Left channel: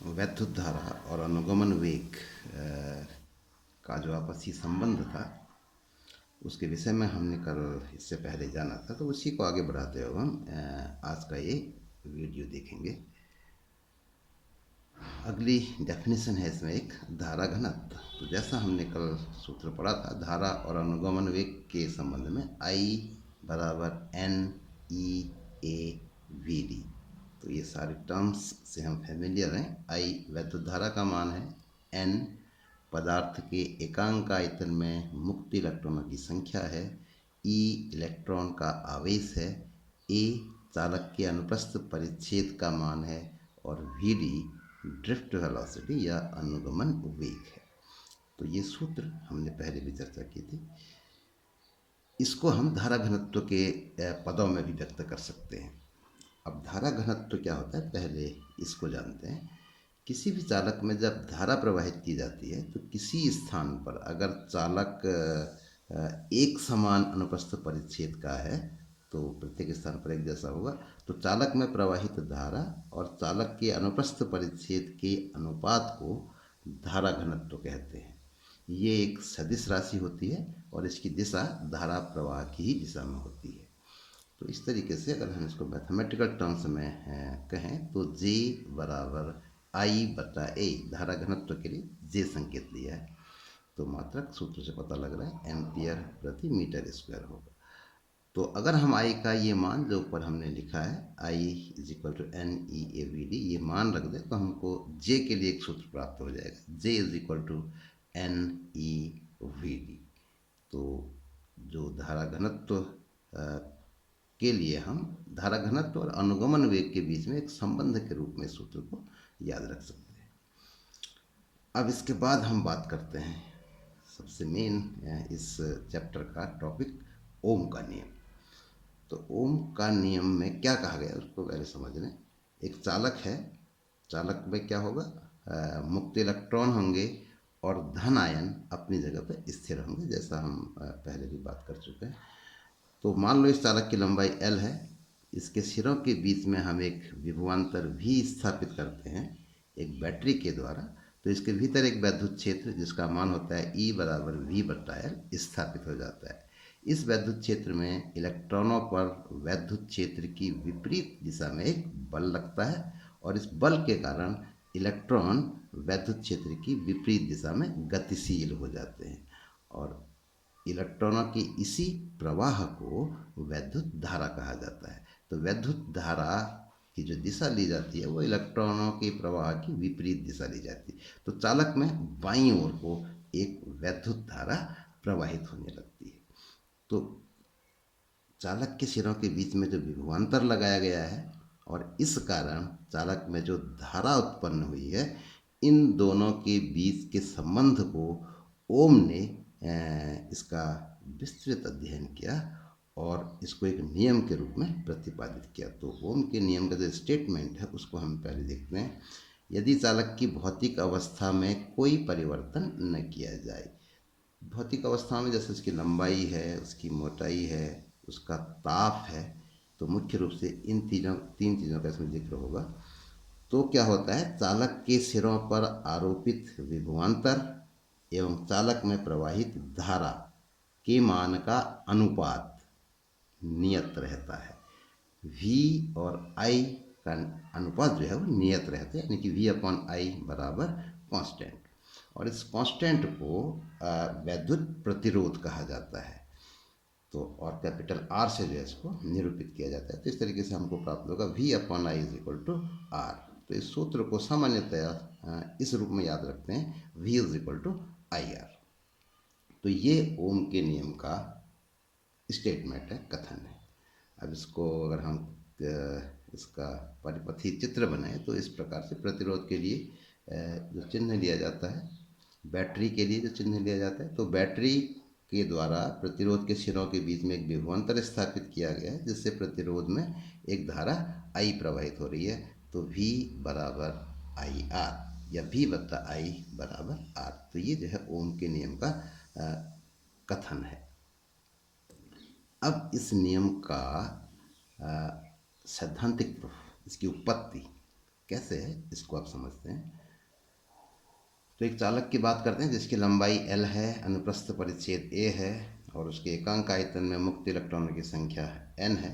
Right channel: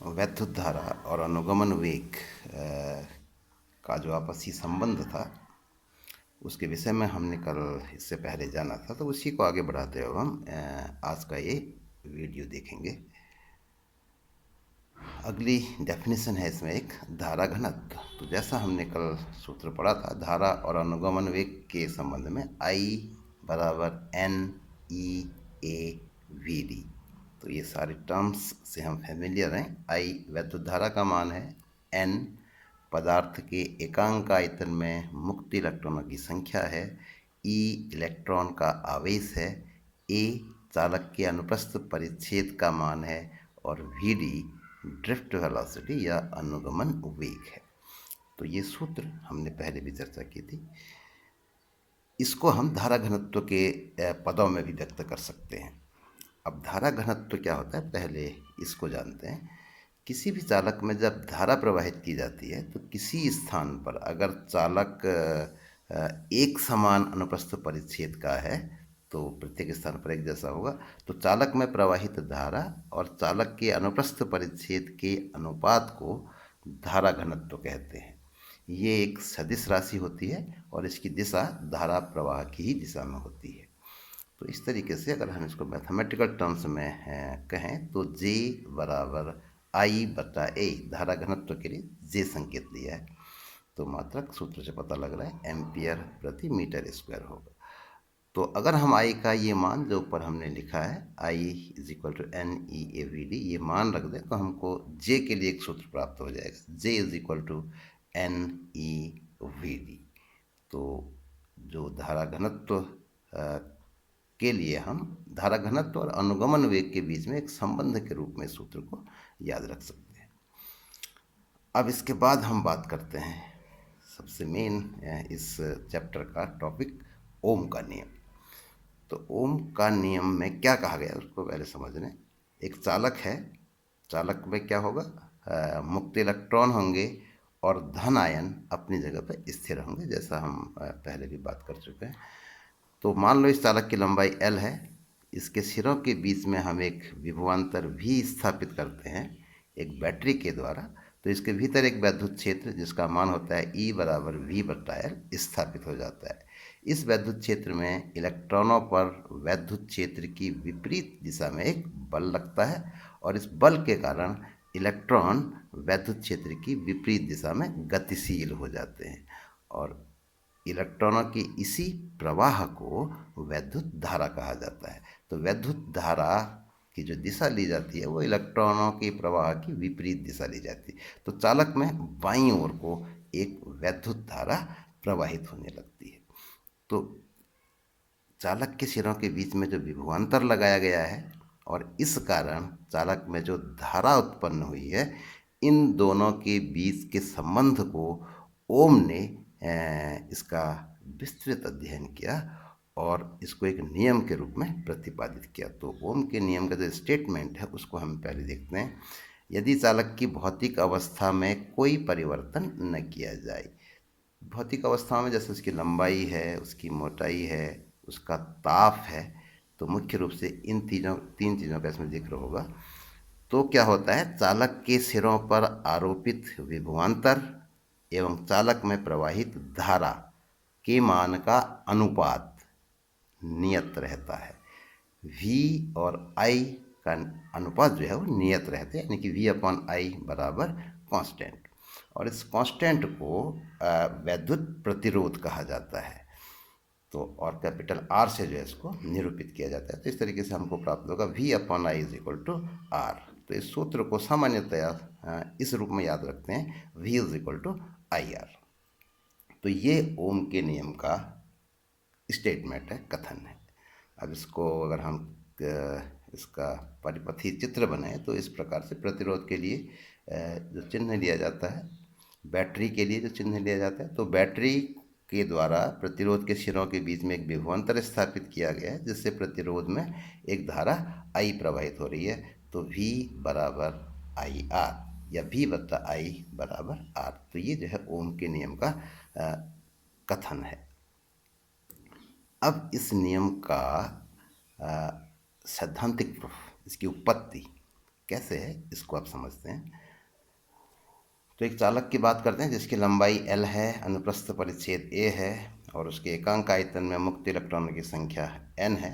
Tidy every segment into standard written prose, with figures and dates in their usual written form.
वैद्युत धारा और अनुगमन वेग का जो आपसी संबंध था उसके विषय में हमने कल इससे पहले जाना था, तो उसी को आगे बढ़ाते हुए हम आज का ये वीडियो देखेंगे। अगली डेफिनेशन है इसमें एक धारा घनत्व। तो जैसा हमने कल सूत्र पढ़ा था, धारा और अनुगमन वेग के संबंध में I बराबर N E A V D। तो ये सारे टर्म्स से हम फेमिलियर हैं। I वैद्युत धारा का मान है, N पदार्थ के एकांक आयतन में मुक्त इलेक्ट्रॉनों की संख्या है, E इलेक्ट्रॉन का आवेश है, A चालक के अनुप्रस्थ परिच्छेद का मान है और VD ड्रिफ्ट वेलोसिटी या अनुगमन वेग है। तो ये सूत्र हमने पहले भी चर्चा की थी। इसको हम धारा घनत्व के पदों में भी व्यक्त कर सकते हैं। अब धारा घनत्व क्या होता है, पहले इसको जानते हैं। किसी भी चालक में जब धारा प्रवाहित की जाती है तो किसी स्थान पर अगर चालक एक समान अनुप्रस्थ परिच्छेद का है तो प्रत्येक स्थान पर एक जैसा होगा, तो चालक में प्रवाहित धारा और चालक के अनुप्रस्थ परिच्छेद के अनुपात को धारा घनत्व कहते हैं। ये एक सदिश राशि होती है और इसकी दिशा धारा प्रवाह की ही दिशा में होती है। तो इस तरीके से अगर हम इसको मैथमेटिकल टर्म्स में कहें तो J बराबर I बटा A, धारा घनत्व के लिए J संकेत दिया है, तो मात्रक सूत्र से पता लग रहा है एम्पियर प्रति मीटर स्क्वायर होगा। तो अगर हम I का ये मान जो ऊपर हमने लिखा है I is equal to NEAVD ये मान रख दें तो हमको J के लिए एक सूत्र प्राप्त हो जाएगा, J is equal to NEVD। तो जो धारा घनत्व के लिए हम धारा घनत्व और अनुगमन वेग के बीच में एक संबंध के रूप में सूत्र को याद रख सकते हैं। अब इसके बाद हम बात करते हैं सबसे मेन इस चैप्टर का टॉपिक, ओम का नियम। तो ओम का नियम में क्या कहा गया उसको पहले समझ लें। एक चालक है, चालक में क्या होगा, मुक्त इलेक्ट्रॉन होंगे और धन आयन अपनी जगह पर स्थिर होंगे, जैसा हम पहले भी बात कर चुके हैं। तो मान लो इस चालक की लंबाई L है, इसके सिरों के बीच में हम एक विभवांतर V स्थापित करते हैं एक बैटरी के द्वारा। तो इसके भीतर एक वैद्युत क्षेत्र जिसका मान होता है E बराबर V बटा L स्थापित हो जाता है। इस वैद्युत क्षेत्र में इलेक्ट्रॉनों पर वैद्युत क्षेत्र की विपरीत दिशा में एक बल लगता है और इस बल के कारण इलेक्ट्रॉन वैद्युत क्षेत्र की विपरीत दिशा में गतिशील हो जाते हैं और इलेक्ट्रॉनों के इसी प्रवाह को वैद्युत धारा कहा जाता है। तो वैद्युत धारा की जो दिशा ली जाती है वो इलेक्ट्रॉनों के प्रवाह की विपरीत दिशा ली जाती है। तो चालक में बाईं ओर को एक वैद्युत धारा प्रवाहित होने लगती है। तो चालक के सिरों के बीच में जो विभवांतर लगाया गया है और इस कारण चालक में जो धारा उत्पन्न हुई है, इन दोनों के बीच के संबंध को ओम ने इसका विस्तृत अध्ययन किया और इसको एक नियम के रूप में प्रतिपादित किया। तो ओम के नियम का जो स्टेटमेंट है उसको हम पहले देखते हैं। यदि चालक की भौतिक अवस्था में कोई परिवर्तन न किया जाए, भौतिक अवस्था में जैसे उसकी लंबाई है, उसकी मोटाई है, उसका ताप है, तो मुख्य रूप से इन तीन चीज़ों का इसमें जिक्र होगा। तो क्या होता है, चालक के सिरों पर आरोपित विभवांतर एवं चालक में प्रवाहित धारा के मान का अनुपात नियत रहता है। V और I का अनुपात जो है वो नियत रहते हैं, यानी कि V अपॉन I बराबर कांस्टेंट। और इस कांस्टेंट को वैद्युत प्रतिरोध कहा जाता है। तो और कैपिटल R से जो है इसको निरूपित किया जाता है। तो इस तरीके से हमको प्राप्त होगा V upon I is equal to R। तो इस सूत्र को सामान्यतया इस रूप में याद रखते हैं, V is equal to IR। तो ये ओम के नियम का स्टेटमेंट है, कथन है। अब इसको अगर हम इसका परिपथी चित्र बनाएं तो इस प्रकार से प्रतिरोध के लिए जो चिन्ह लिया जाता है, बैटरी के लिए जो चिन्ह लिया जाता है, तो बैटरी के द्वारा प्रतिरोध के सिरों के बीच में एक विभवांतर स्थापित किया गया है जिससे प्रतिरोध में एक धारा I प्रवाहित हो रही है। तो V बराबर IR या V बटा I बराबर R। तो ये जो है ओम के नियम का कथन है। अब इस नियम का सैद्धांतिक प्रूफ, इसकी उत्पत्ति कैसे है इसको आप समझते हैं। तो एक चालक की बात करते हैं जिसकी लंबाई L है, अनुप्रस्थ परिच्छेद A है और उसके एकांक आयतन में मुक्त इलेक्ट्रॉनों की संख्या N है।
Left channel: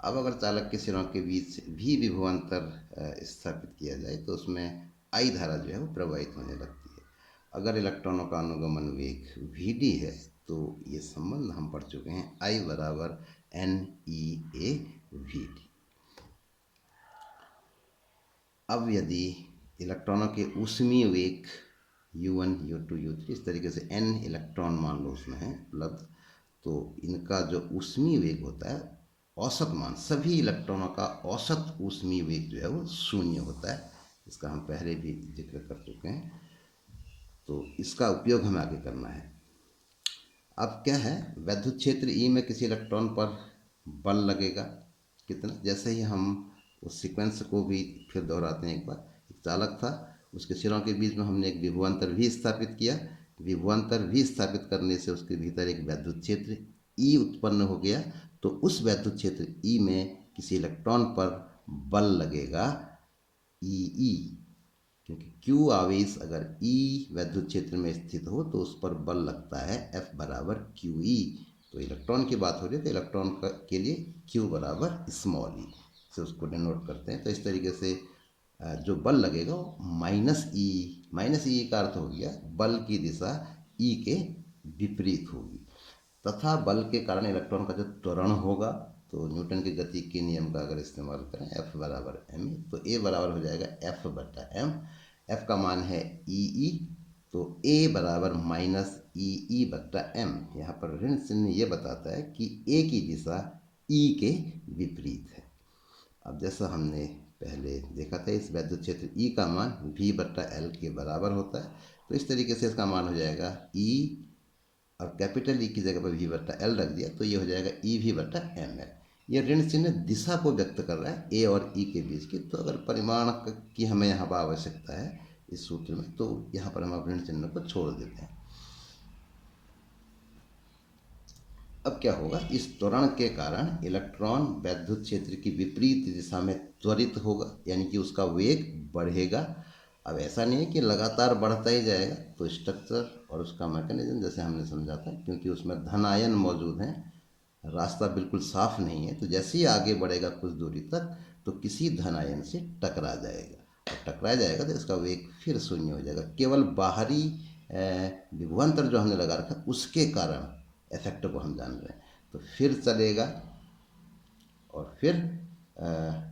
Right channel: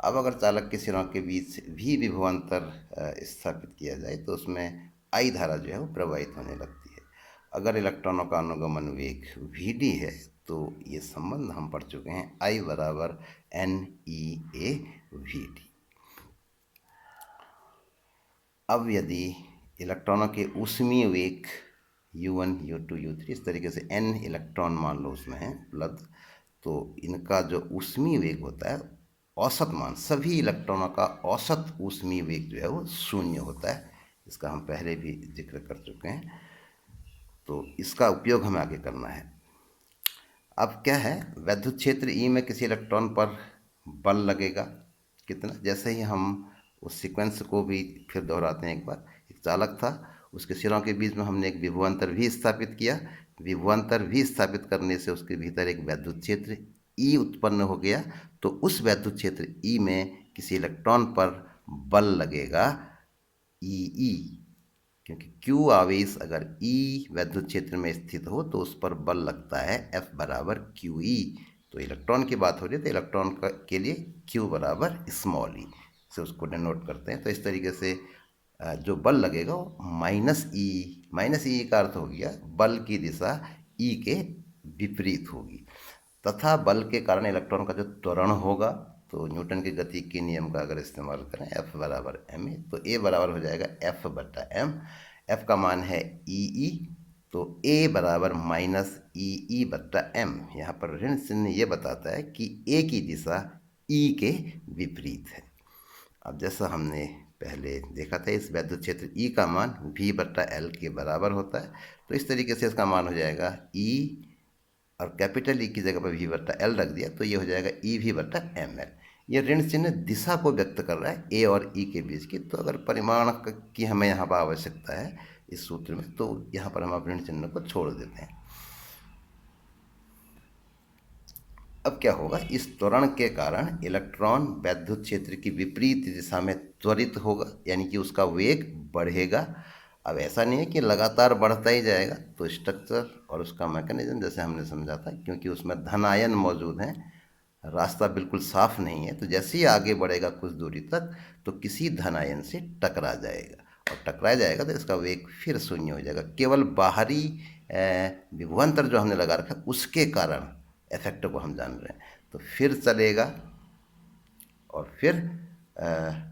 अब अगर चालक के सिरों के बीच भी विभवांतर स्थापित किया जाए तो उसमें I धारा जो है वो प्रवाहित होने लगती है। अगर इलेक्ट्रॉनों का अनुगमन वेग Vd है तो ये संबंध हम पढ़ चुके हैं, I बराबर NEA Vd। अब यदि इलेक्ट्रॉनों के ऊष्मीय वेग U1, U2, U3 इस तरीके से n इलेक्ट्रॉन मान लो उसमें है उपलब्ध, तो इनका जो ऊष्मीय वेग होता है औसत मान, सभी इलेक्ट्रॉनों का औसत ऊष्मीय वेग जो है वो 0 होता है। इसका हम पहले भी जिक्र कर चुके हैं, तो इसका उपयोग हमें आगे करना है। अब क्या है, वैद्युत क्षेत्र E में किसी इलेक्ट्रॉन पर बल लगेगा कितना, जैसे ही हम उस सीक्वेंस को भी फिर दोहराते हैं एक बार। एक चालक था, उसके सिरों के बीच में हमने एक विभवांतर भी स्थापित किया। विभवांतर भी स्थापित करने से उसके भीतर एक वैद्युत क्षेत्र E उत्पन्न हो गया। तो उस वैद्युत क्षेत्र E में किसी इलेक्ट्रॉन पर बल लगेगा EE, क्योंकि Q आवेश अगर E वैद्युत क्षेत्र में स्थित हो तो उस पर बल लगता है F बराबर QE। तो इलेक्ट्रॉन की बात हो रही है तो इलेक्ट्रॉन के लिए Q बराबर स्मॉल e से उसको डिनोट करते हैं। तो इस तरीके से जो बल लगेगा वो माइनस ई का अर्थ हो गया बल की दिशा E के विपरीत होगी, तथा बल के कारण इलेक्ट्रॉन का जो त्वरण होगा, तो न्यूटन की गति के नियम का अगर इस्तेमाल करें F बराबर ma, तो A बराबर हो जाएगा F बटा m। F का मान है EE, तो A बराबर माइनस EE बटा m। यहाँ पर ऋण चिन्ह ये बताता है कि A की दिशा E के विपरीत है। अब जैसा हमने पहले देखा था, इस वैद्युत क्षेत्र E का मान V बटा L के बराबर होता है। तो इस तरीके से इसका मान हो जाएगा E, और कैपिटल E की जगह पर V बटा L रख दिया तो ये हो जाएगा EV बटा ML। ये ऋण चिन्ह दिशा को व्यक्त कर रहा है A और E के बीच की। तो अगर परिमाण की हमें यहाँ पर आवश्यकता है इस सूत्र में, तो यहाँ पर हम ऋण चिन्ह को छोड़ देते हैं। अब क्या होगा, इस त्वरण के कारण इलेक्ट्रॉन वैद्युत क्षेत्र की विपरीत दिशा में त्वरित होगा, यानी कि उसका वेग बढ़ेगा। अब ऐसा नहीं है कि लगातार बढ़ता ही जाएगा, तो स्ट्रक्चर और उसका मैकेनिज्म जैसे हमने समझा था, क्योंकि उसमें धन आयन मौजूद हैं, रास्ता बिल्कुल साफ नहीं है, तो जैसे ही आगे बढ़ेगा कुछ दूरी तक तो किसी धन आयन से टकरा जाएगा, और टकरा जाएगा तो इसका वेग फिर शून्य हो जाएगा। केवल बाहरी विभवांतर जो हमने लगा रखा उसके कारण इफेक्ट को हम जान रहे हैं। तो फिर चलेगा और फिर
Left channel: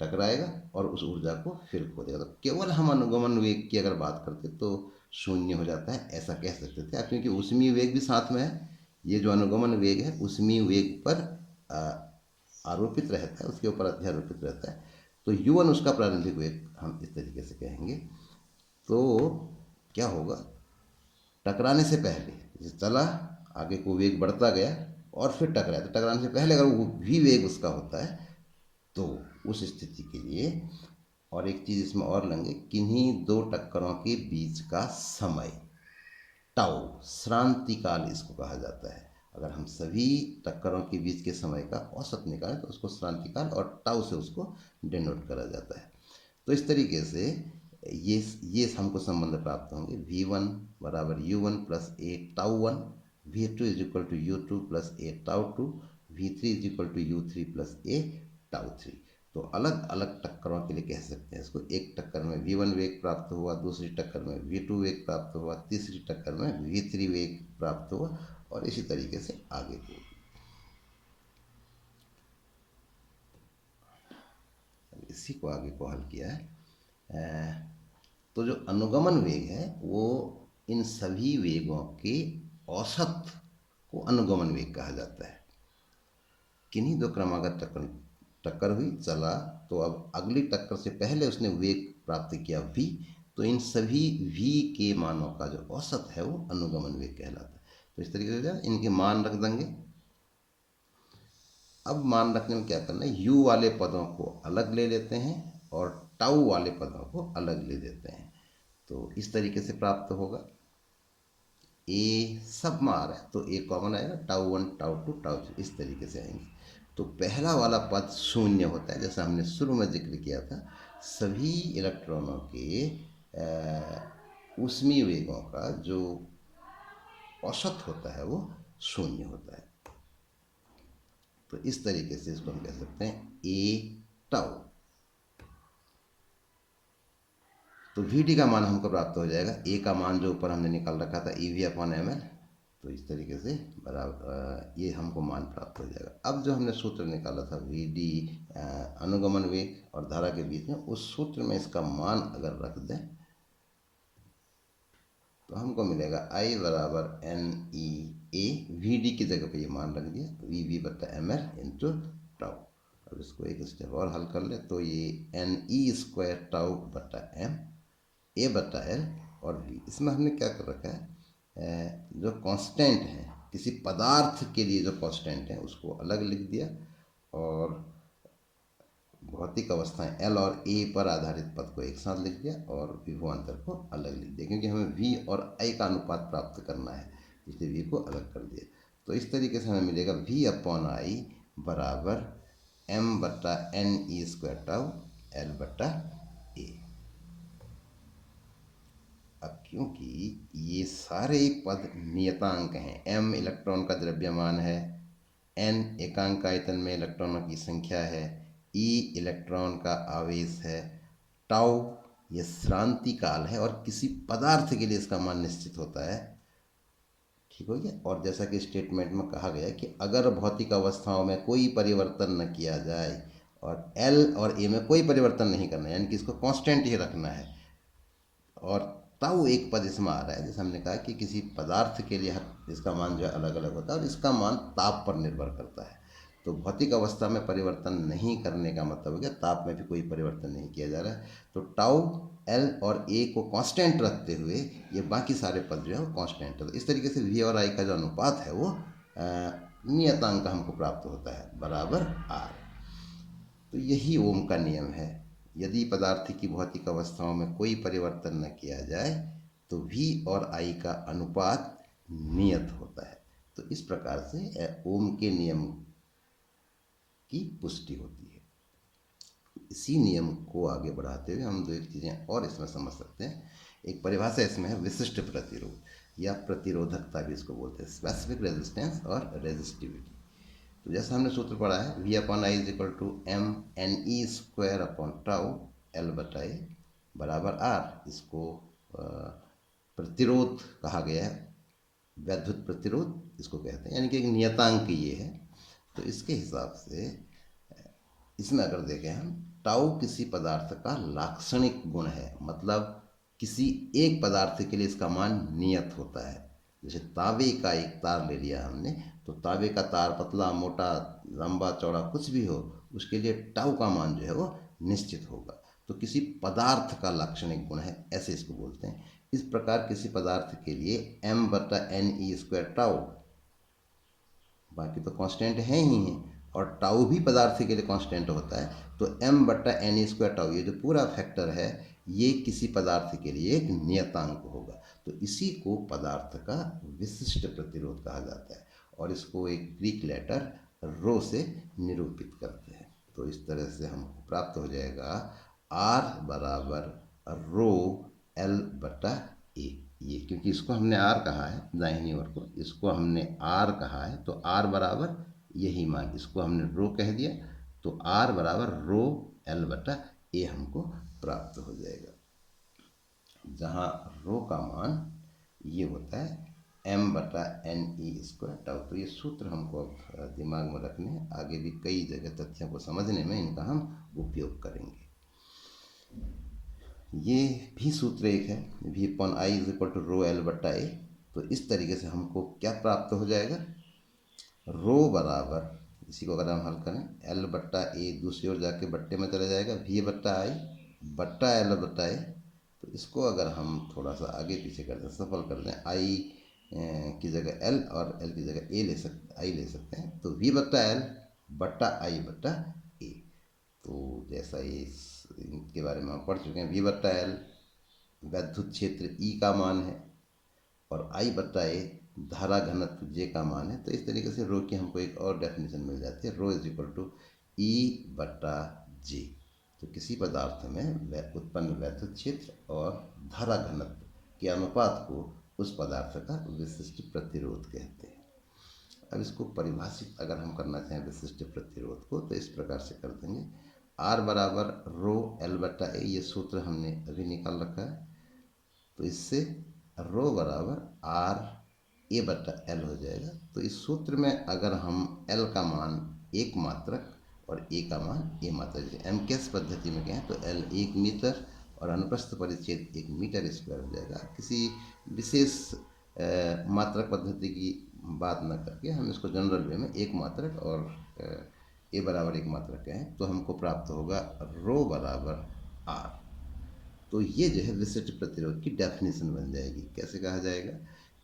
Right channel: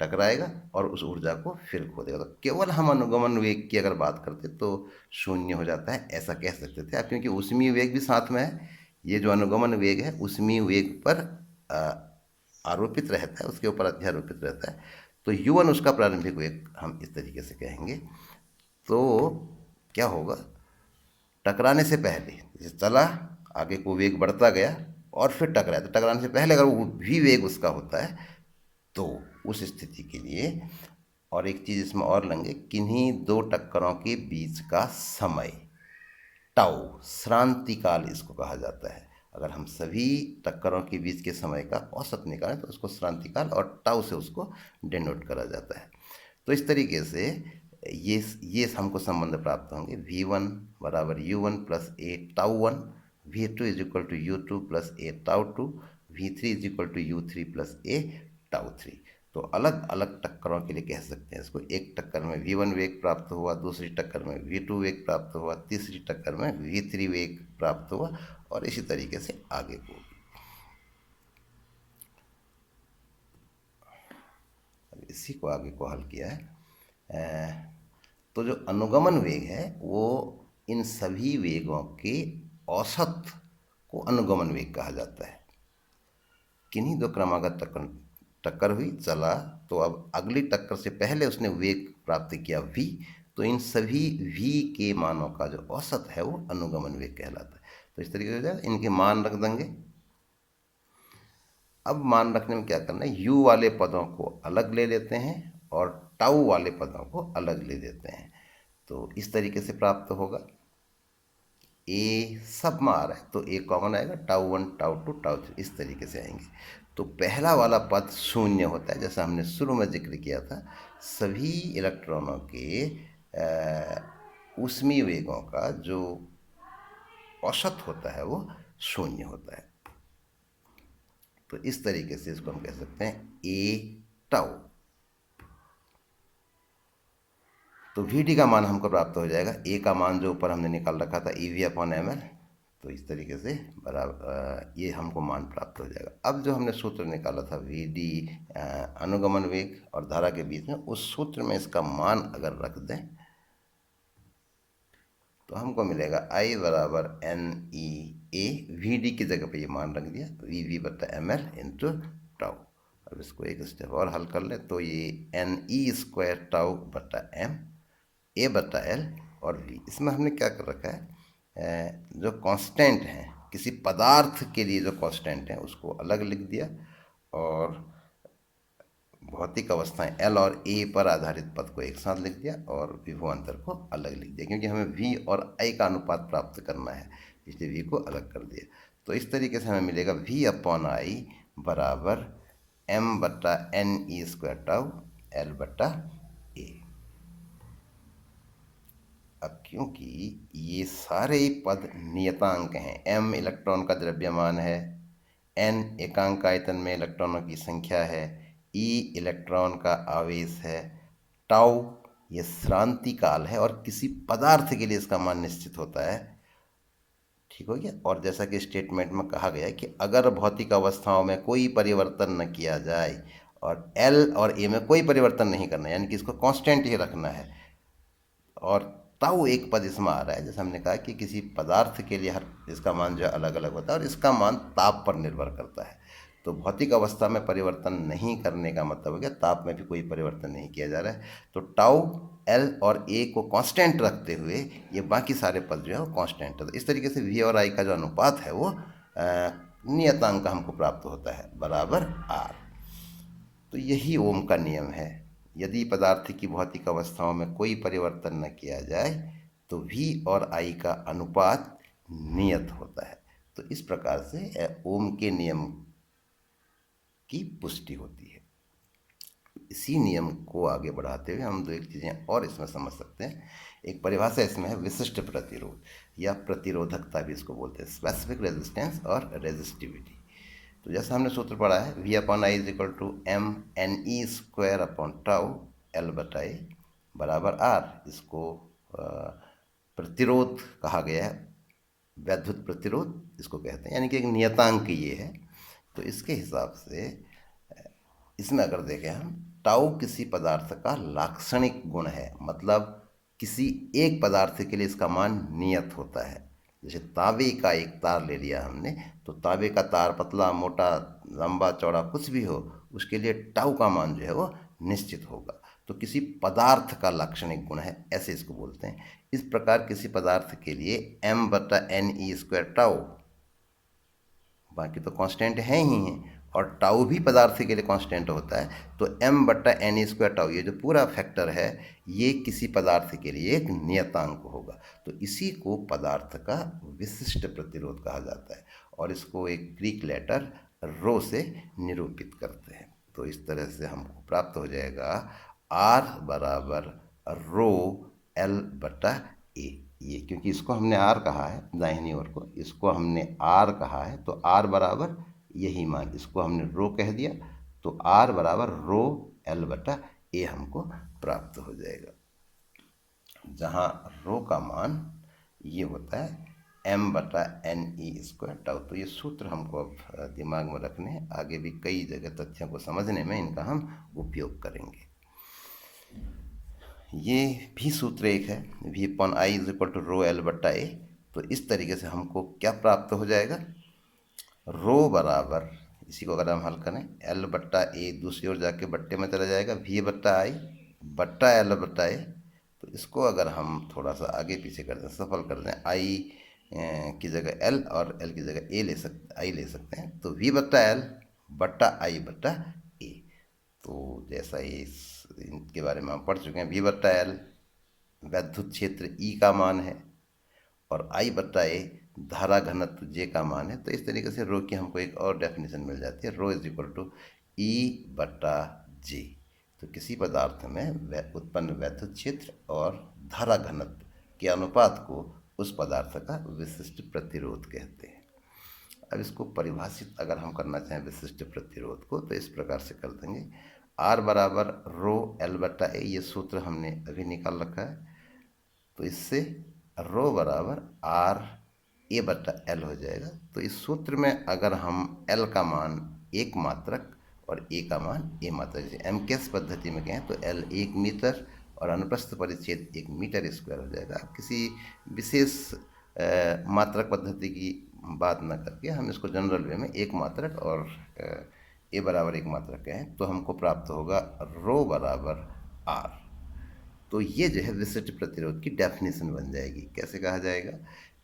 टकराएगा और उस ऊर्जा को फिर खो देगा। तो केवल हम अनुगमन वेग की अगर बात करते तो शून्य हो जाता है, ऐसा कह सकते थे आप, क्योंकि ऊष्मीय वेग भी साथ में है। ये जो अनुगमन वेग है ऊष्मीय वेग पर आरोपित रहता है, उसके ऊपर अध्यारोपित रहता है। तो U1 उसका प्रारंभिक वेग हम इस तरीके से कहेंगे। तो क्या होगा, टकराने से पहले जैसे चला, आगे को वेग बढ़ता गया और फिर टकराया, तो टकराने से पहले अगर वो भी वेग उसका होता है तो उस स्थिति के लिए, और एक चीज़ इसमें और लेंगे, किन्हीं दो टक्करों के बीच का समय टाउ, श्रांति काल इसको कहा जाता है। अगर हम सभी टक्करों के बीच के समय का औसत निकालें तो उसको श्रांति काल और टाउ से उसको डिनोट करा जाता है। तो इस तरीके से ये हमको संबंध प्राप्त होंगे। V1 बराबर U1 plus A tau 1, V2 is equal to U2 plus A tau 2, V3 is equal to U3 plus A tau 3। तो अलग अलग टक्करों के लिए कह सकते हैं इसको। एक टक्कर में V1 वेग प्राप्त हुआ, दूसरी टक्कर में V2 वेग प्राप्त हुआ, तीसरी टक्कर में V3 वेग प्राप्त हुआ, और इसी तरीके से आगे को। इसी को आगे को हल किया है। तो जो अनुगमन वेग है वो इन सभी वेगों के औसत को अनुगमन वेग कहा जाता है। किन्हीं दो क्रमागत टक्कर हुई, चला, तो अब अगली टक्कर से पहले उसने वेग प्राप्त किया V, तो इन सभी V के मानों का जो औसत है वो अनुगमन वेग कहलाता है। तो इस तरीके से इनके मान रख देंगे। अब मान रखने में क्या करना है, U वाले पदों को अलग ले लेते हैं और टाउ वाले पदों को अलग ले लेते हैं। तो इस तरीके से प्राप्त होगा। A सब में आ रहा है तो A कॉमन आएगा, टाउ 1 टाउ 2 टाउ 3 इस तरीके से आएंगे। तो पहला वाला पद शून्य होता है, जैसा हमने शुरू में जिक्र किया था, सभी इलेक्ट्रॉनों के ऊष्मीय वेगों का जो औसत होता है वो शून्य होता है। तो इस तरीके से इसको हम कह सकते हैं ए टाउ। तो वी डी का मान हमको प्राप्त हो जाएगा, ए का मान जो ऊपर हमने निकाल रखा था E V upon M L, तो इस तरीके से बराबर ये हमको मान प्राप्त हो जाएगा। अब जो हमने सूत्र निकाला था वी डी अनुगमन वेग और धारा के बीच में, उस सूत्र में इसका मान अगर रख दें तो हमको मिलेगा आई बराबर N E A, V D की जगह पे ये मान रख दिया, वी वी बटा एम एल इंटू टाउ। अब इसको एक स्टेप और हल कर ले तो ये एन ई स्क्वायर टाउ बटा एम ए बटा एल और वी। इसमें हमने क्या कर रखा है, जो कांस्टेंट है किसी पदार्थ के लिए जो कांस्टेंट है उसको अलग लिख दिया, और भौतिक अवस्थाएं एल और ए पर आधारित पद को एक साथ लिख दिया, और विभवांतर को अलग लिख दिया, क्योंकि हमें वी और आई का अनुपात प्राप्त करना है, इसलिए वी को अलग कर दिया। तो इस तरीके से हमें मिलेगा वी अपॉन आई बराबर एम बटा N E square tau L बटा ए। अब क्योंकि ये सारे पद नियतांक हैं, एम इलेक्ट्रॉन का द्रव्यमान है, एन एकांक आयतन में इलेक्ट्रॉनों की संख्या है, ई इलेक्ट्रॉन का आवेश है, टाउ ये श्रांति काल है, और किसी पदार्थ के लिए इसका मान निश्चित होता है। ठीक हो गया। और जैसा कि स्टेटमेंट में कहा गया है कि अगर भौतिक अवस्थाओं में कोई परिवर्तन न किया जाए और एल और ए में कोई परिवर्तन नहीं करना है, यानी कि इसको कांस्टेंट ही रखना है, और ताऊ एक पद इसमें आ रहा है, जैसे हमने कहा कि किसी पदार्थ के लिए हर इसका मान जो है अलग अलग होता है, और इसका मान ताप पर निर्भर करता है। तो भौतिक अवस्था में परिवर्तन नहीं करने का मतलब हो गया ताप में भी कोई परिवर्तन नहीं किया जा रहा है। तो टाउ एल और ए को कांस्टेंट रखते हुए ये बाकी सारे पद जो है वो कांस्टेंट है। तो इस तरीके से वी और आई का जो अनुपात है वो नियतांक हमको प्राप्त होता है बराबर आर। तो यही ओम का नियम है, यदि पदार्थ की भौतिक अवस्थाओं में कोई परिवर्तन न किया जाए तो वी और आई का अनुपात नियत होता है। तो इस प्रकार से ओम के नियम की पुष्टि होती है। इसी नियम को आगे बढ़ाते हुए हम दो एक चीज़ें और इसमें समझ सकते हैं। एक परिभाषा इसमें है विशिष्ट प्रतिरोध या प्रतिरोधकता भी इसको बोलते हैं, स्पेसिफिक रेजिस्टेंस और रेजिस्टिविटी। तो जैसा हमने सूत्र पढ़ा है V upon I is equal to M N E square upon tau L बटा ए बराबर आर। इसको प्रतिरोध कहा गया है, वैद्युत प्रतिरोध इसको कहते हैं, यानी कि एक नियतांक ये है। तो इसके हिसाब से इसमें अगर देखें हम, टाउ किसी पदार्थ का लाक्षणिक गुण है, मतलब किसी एक पदार्थ के लिए इसका मान नियत होता है। जैसे तांबे का एक तार ले लिया हमने, तो तांबे का तार पतला मोटा लंबा चौड़ा कुछ भी हो, उसके लिए टाउ का मान जो है वो निश्चित होगा। तो किसी पदार्थ का लाक्षणिक गुण है, ऐसे इसको बोलते हैं। इस प्रकार किसी पदार्थ के लिए एम बटा एन ई स्क्वायर टाउ, बाकी तो कांस्टेंट है ही हैं, और टाउ भी पदार्थ के लिए कांस्टेंट होता है। तो एम बटा एन ई स्क्वायर टाउ ये जो पूरा फैक्टर है ये किसी पदार्थ के लिए एक नियतांक होगा। तो इसी को पदार्थ का विशिष्ट प्रतिरोध कहा जाता है, और इसको एक ग्रीक लेटर रो से निरूपित करते हैं। तो इस तरह से हमको प्राप्त हो जाएगा आर बराबर रो एल बटा ए। ये क्योंकि इसको हमने आर कहा है, दाहिनी ओर को इसको हमने आर कहा है, तो आर बराबर यही मान, इसको हमने रो कह दिया, तो आर बराबर रो एल बटा ए हमको प्राप्त हो जाएगा, जहाँ रो का मान ये होता है एम बटा एन ई स्क्वायर टाउ। तो ये सूत्र हमको अब दिमाग में रखने हैं, आगे भी कई जगह तथ्यों को समझने में इनका हम उपयोग करेंगे। ये भी सूत्र एक है V upon I is equal to rho L बटा ए। तो इस तरीके से हमको क्या प्राप्त हो जाएगा, रो बराबर इसी को अगर हम हल करें एल बट्टा ए दूसरी ओर जाके बट्टे में चला जाएगा वी बट्टा आई बट्टा एल बट्टा ए। तो इसको अगर हम थोड़ा सा आगे पीछे कर दें, सफल कर दें, आई की जगह एल और एल की जगह ए ले सकते आई ले सकते हैं, तो वी बट्टा एल बट्टा आई बट्टा ए। तो जैसा इनके बारे में हम पढ़ चुके हैं, वी बट्टा एल वैद्युत क्षेत्र ई का मान है, और आई बट्टा ए धारा घनत्व जे का मान है। तो इस तरीके से रो की हमको एक और डेफिनेशन मिल जाती है, रो इज इक्वल टू ई बट्टा जे। तो किसी पदार्थ में उत्पन्न वैद्युत क्षेत्र और धारा घनत्व के अनुपात को उस पदार्थ का विशिष्ट प्रतिरोध कहते हैं। अब इसको परिभाषित अगर हम करना चाहें विशिष्ट प्रतिरोध को, तो इस प्रकार से कर देंगे, R बराबर रो L बटा ए, ये सूत्र हमने अभी निकाल रखा है। तो इससे रो बराबर R ए बटा एल हो जाएगा। तो इस सूत्र में अगर हम L का मान एक मात्रक और ए का मान ए मात्रक, जैसे एमकेएस पद्धति में कहें तो L 1 मीटर और अनुप्रस्थ परिच्छेद 1 मीटर स्क्वायर हो जाएगा। किसी विशेष मात्रक पद्धति की बात न करके हम इसको जनरल वे में एक मात्रक और ए बराबर एक मात्रक कहें तो हमको प्राप्त होगा रो बराबर R। तो ये जो है विशिष्ट प्रतिरोध की डेफिनेशन बन जाएगी। कैसे कहा जाएगा?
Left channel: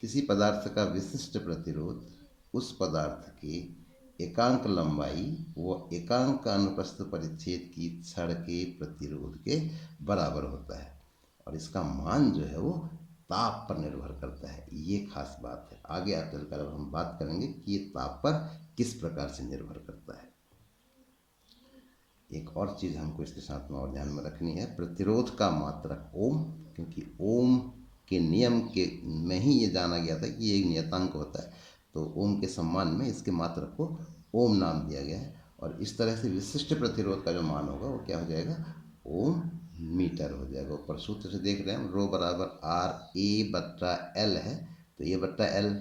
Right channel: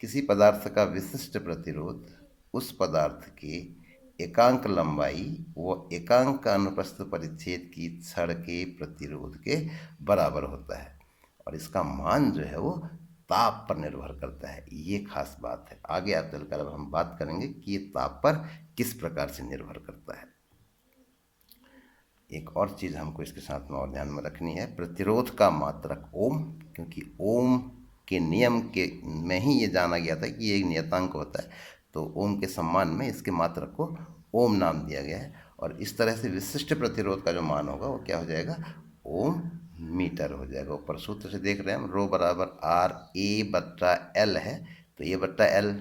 किसी पदार्थ का विशिष्ट प्रतिरोध उस पदार्थ के एकांक लंबाई व एकांक अनुप्रस्थ परिच्छेद की छड़ के प्रतिरोध के बराबर होता है, और इसका मान जो है वो ताप पर निर्भर करता है। ये खास बात है। आगे आप चलकर अब हम बात करेंगे कि ये ताप पर किस प्रकार से निर्भर करता है। एक और चीज़ हमको इसके साथ में और ध्यान में रखनी है, प्रतिरोध का मात्रक ओम, क्योंकि ओम के नियम के में ही ये जाना गया था कि ये एक नियतांक होता है, तो ओम के सम्मान में इसके मात्रक को ओम नाम दिया गया है। और इस तरह से विशिष्ट प्रतिरोध का जो मान होगा वो क्या हो जाएगा? ओम मीटर हो जाएगा। ऊपर सूत्र से देख रहे हैं हम, रो बराबर R ए बट्टा एल है, तो ए बट्टा एल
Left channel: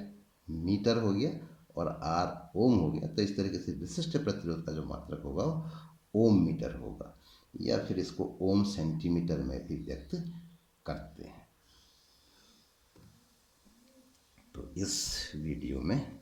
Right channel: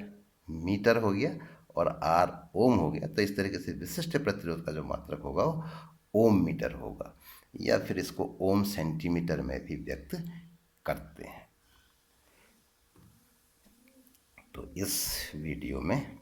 मीटर हो गया और R ओम हो गया। तो इस तरीके से विशिष्ट प्रतिरोध का जो मात्रक होगा वो ओम मीटर होगा, या फिर इसको ओम सेंटीमीटर में भी व्यक्त करते हैं। तो इस वीडियो में